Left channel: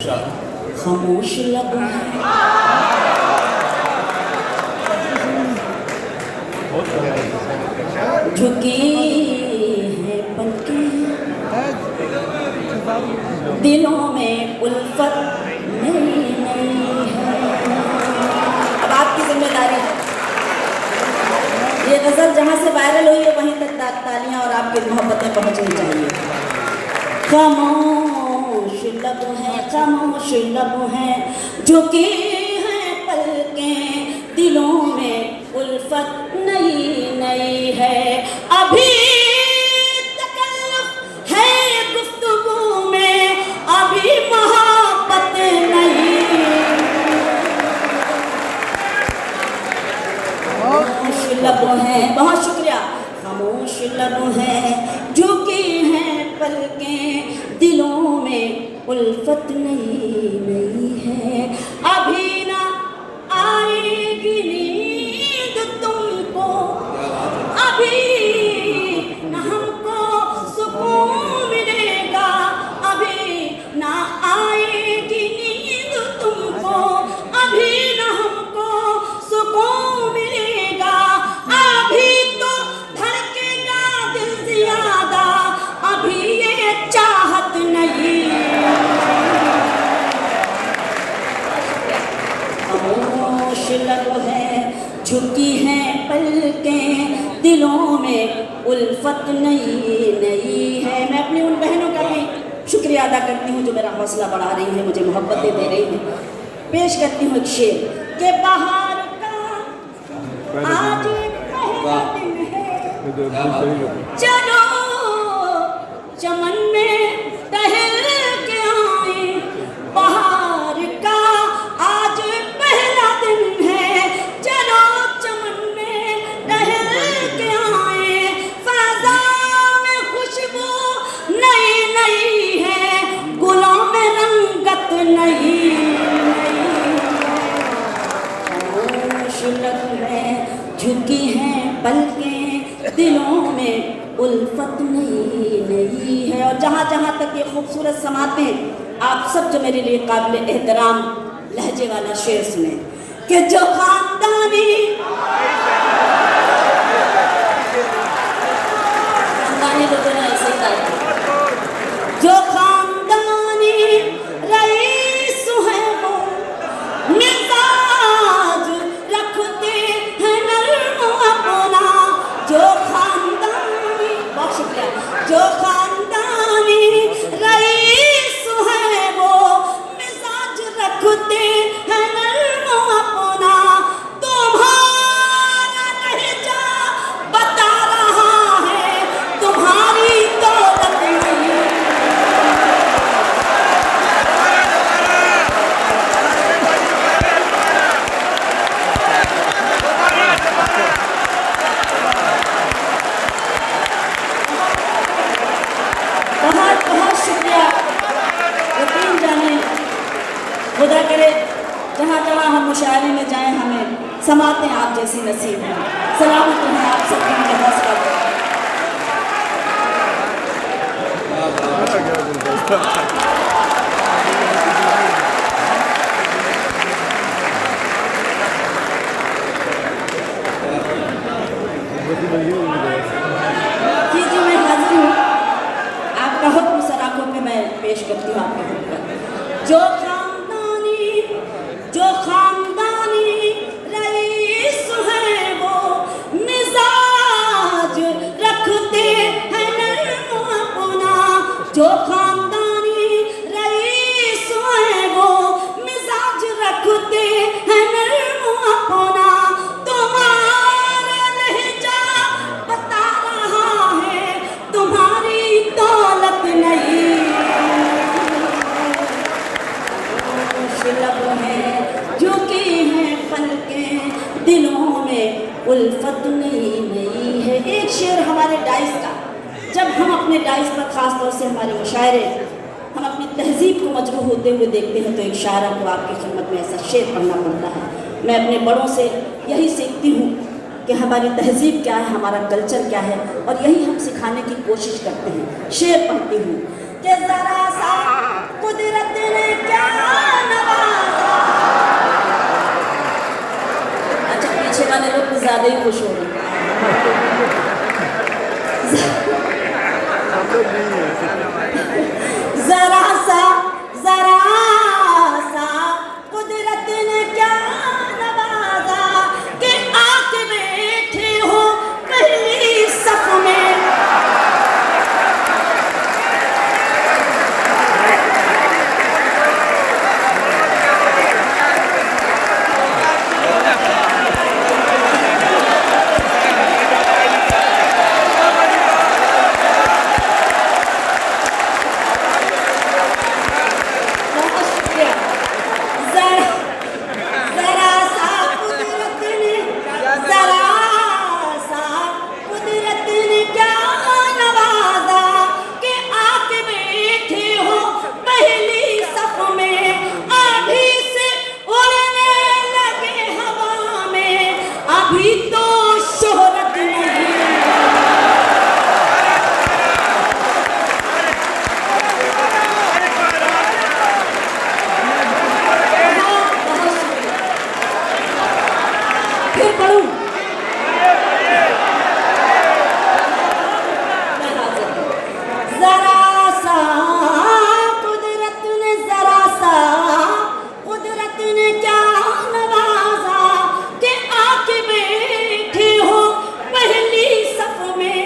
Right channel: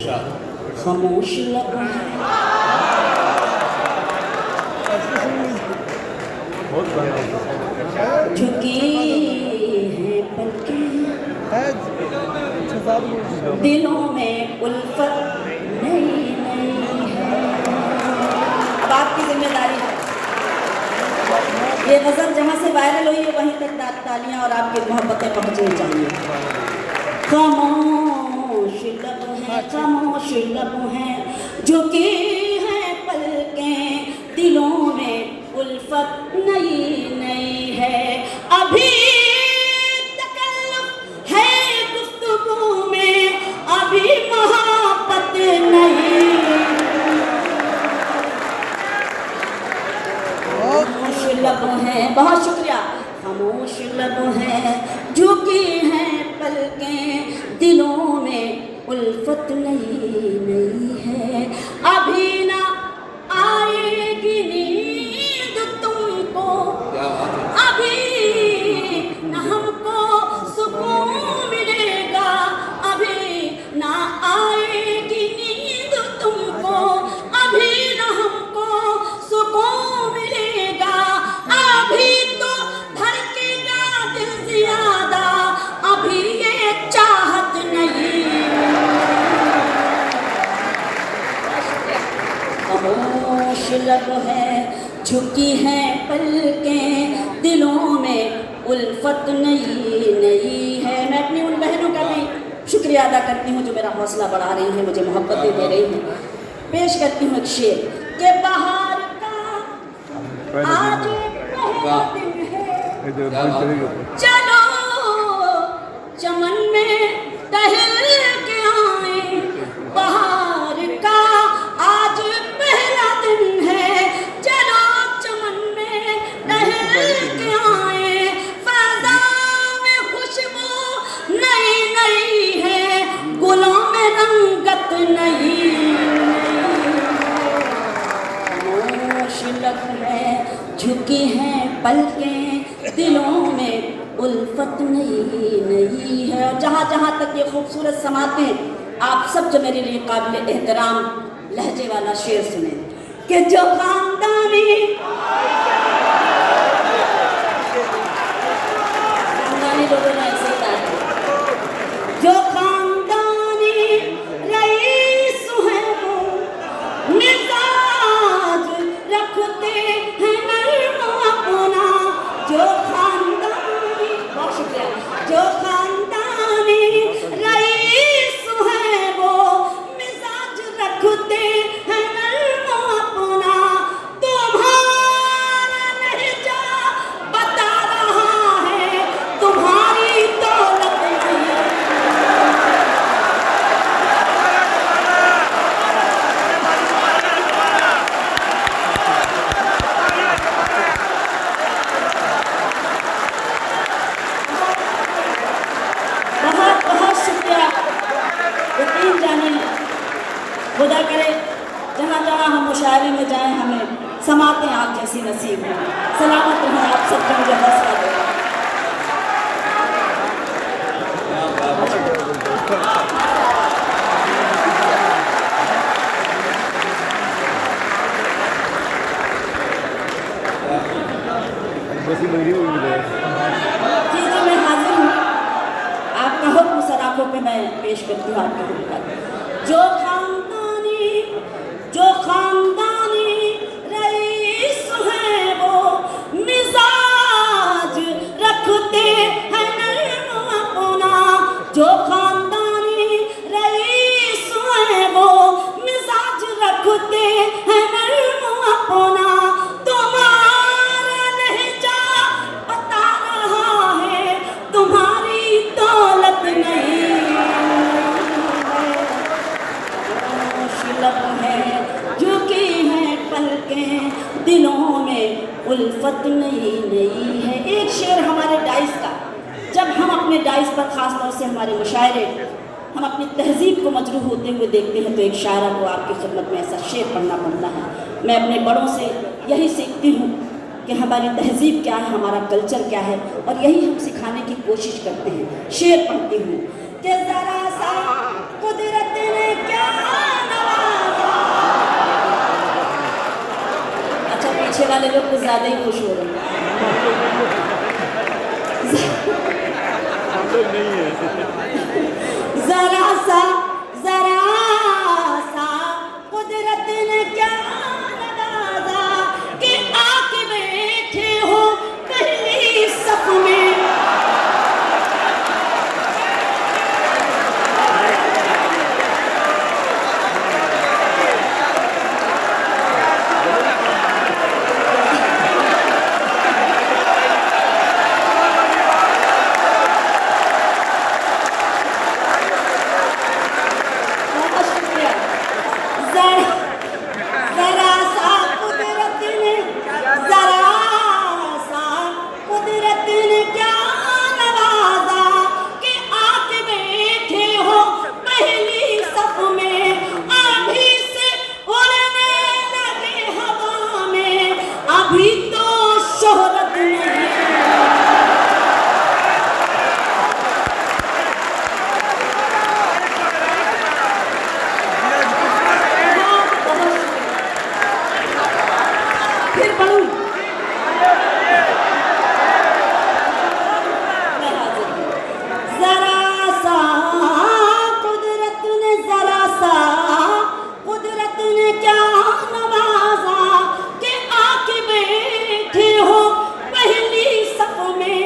खामोश लब झुकी है पलकें, दिलों में उल्फत नई नई है। अब आपकी जिम्मेदारी है, ये गजल जहाँ से वायरल हुई है वहीं तक तालियां और आपकी मोहब्बतें पहुँचनी चाहिए। खामोश लब है, खामोश लब है, झुकी है पलकें, दिलों में उल्फत नई नई है। अभी तकल्लुफ़ है गुफ्तगू में, अभी मोहब्बत नहीं। खामोश लब है, बहुत शुक्रिया। खामोश लब है, झुकी है पलकें, दिलों में उल्फत नई नई है। अभी ना आएगी नींद तुमको, अभी ना हमको सुकून मिलेगा, अभी ना आएगी नींद तुमको, अभी ना हमको सुकून मिलेगा। अभी तो धड़केगा दिल ज़्यादा, अभी ये चाहत नहीं। खामोश लब है, झुकी हैं पलकें, दिलों में उल्फत नई नई है। मैं अपनी उन बहनों का भी शुक्रिया अदा करती हूँ जो मेरा हौसला बढ़ा रही हैं, मुझे मोहब्बतें दे रही हैं। पेश करती हूँ एक शेर के बाहर का आज पहला दिन है, चलो चमन में टहल के आए। बाहर का आज पहला दिन है, चलो चमन में टहल के आए। फ़ज़ा में खुशबू नई नई है, गुलों में रंगत नई। खामोश लब है, झुकी हैं पलकें, दिलों में उल्फत नई नई है। और जहाँ जहाँ तक ये खूबसूरत समाते आप सब जो मेरे लिए काबिल एहतराम लहजे वाला शेर सुने कि जो खानदानी लोगों ने ऐसी जो खानदानी रईस है वो मिजाज रखते हैं नर्म अपना। जो जो खानदानी रईस है वो मिजाज रखते हैं नर्म अपना। तुम्हारा लहजा बता रहा है तुम्हारी दौलत नहीं। बहुत बहुत शुक्रिया। यकीन जाने खुदा करे जहाँ जहाँ हम मुशायरे में जाएं हमें समाते आप जैसी नसीब हैं। सलामत रहें आप सबको, मुझे हौसला दें। ठीक है, मैं हाजिर हूँ। आपका हुक्म सराखों पे मैं पेश करती हूँ आपका हुक्म। जो खानदानी रईस है वो मिजाज रखते हैं नर्म अपना। जो खानदानी रईस है वो मिजाज रखते हैं नर्म अपना। तुम्हारा लहजा बता रहा है तुम्हारी दौलत नहीं। लब है, झुकी हैं पलकें, दिलों में उल्फत नई नई है। एक शेर हमारे डाइस का, जब हम अपने डाइस पर ख़ास तौर से हमारे मुशायरे हम अपनी तहजीब को मजबूर होते हुए देखते हैं तो एक शायर को आपकी खिदमत में ऐसा शेर पढ़ना पड़ता है। मैं अपने बड़ों से यही सीखती हूँ कि हमारी तहजीब क्या है, हमारा कल्चर क्या है, और यही हम सिखाने की कोशिश करते हैं। शेर पढ़ती हूँ कि जरा सा कुदरत ने क्या नवाजा। अच्छा, पीछे वाले लोग कुछ ज्यादा ही खुश हो रहे हैं। जरा सा कुदरत ने क्या नवाजा कि आके बैठे हो पहली सफ में। अभी तो शोहरत नहीं। फिर पढ़ूं। जरा सा कुदरत ने क्या नवाजा कि आके बैठे हो पहली सफ में।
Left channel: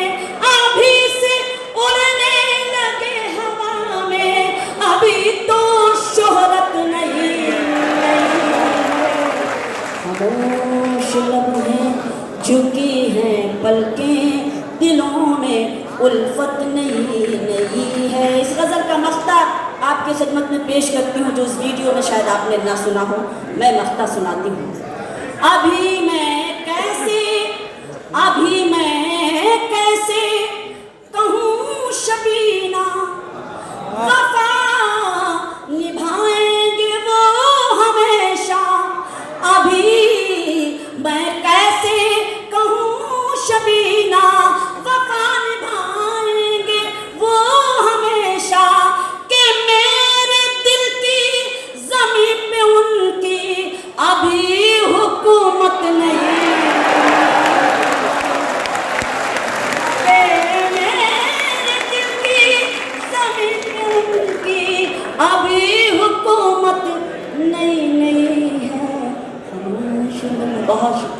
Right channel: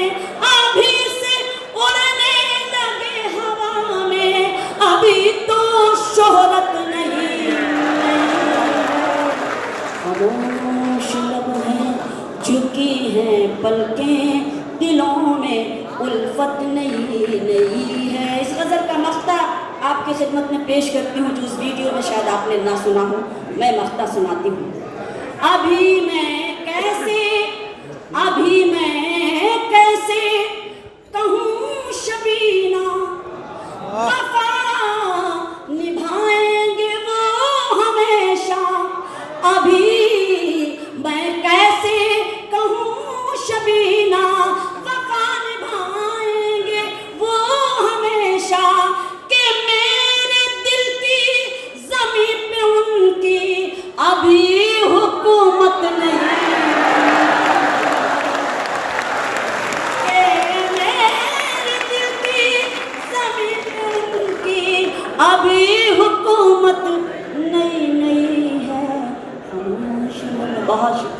अभी से उड़ने लगे हवा में, अभी तो शोहरत नहीं। खामोश लब हैं, झुकी हैं पलकें, दिलों में उल्फत नहीं है। इस गज़ल का मख्ता आपकी खिदमत में पेश करती हूँ, जो उस वीडियो में शायद आपने ना सुना हो। मैं मख्ता सुनाती हूँ। अभी मैं कैसे कहूँ शबीना, वफा निभाएंगे वो हमेशा। अभी मैं कैसे कहूँ शबीना, वफा निभाएंगे वो हमेशा। कि मेरे दिल की ज़मीं पे उनकी अभी हुकूमत नहीं। अभी हुकूमत नहीं है। बहुत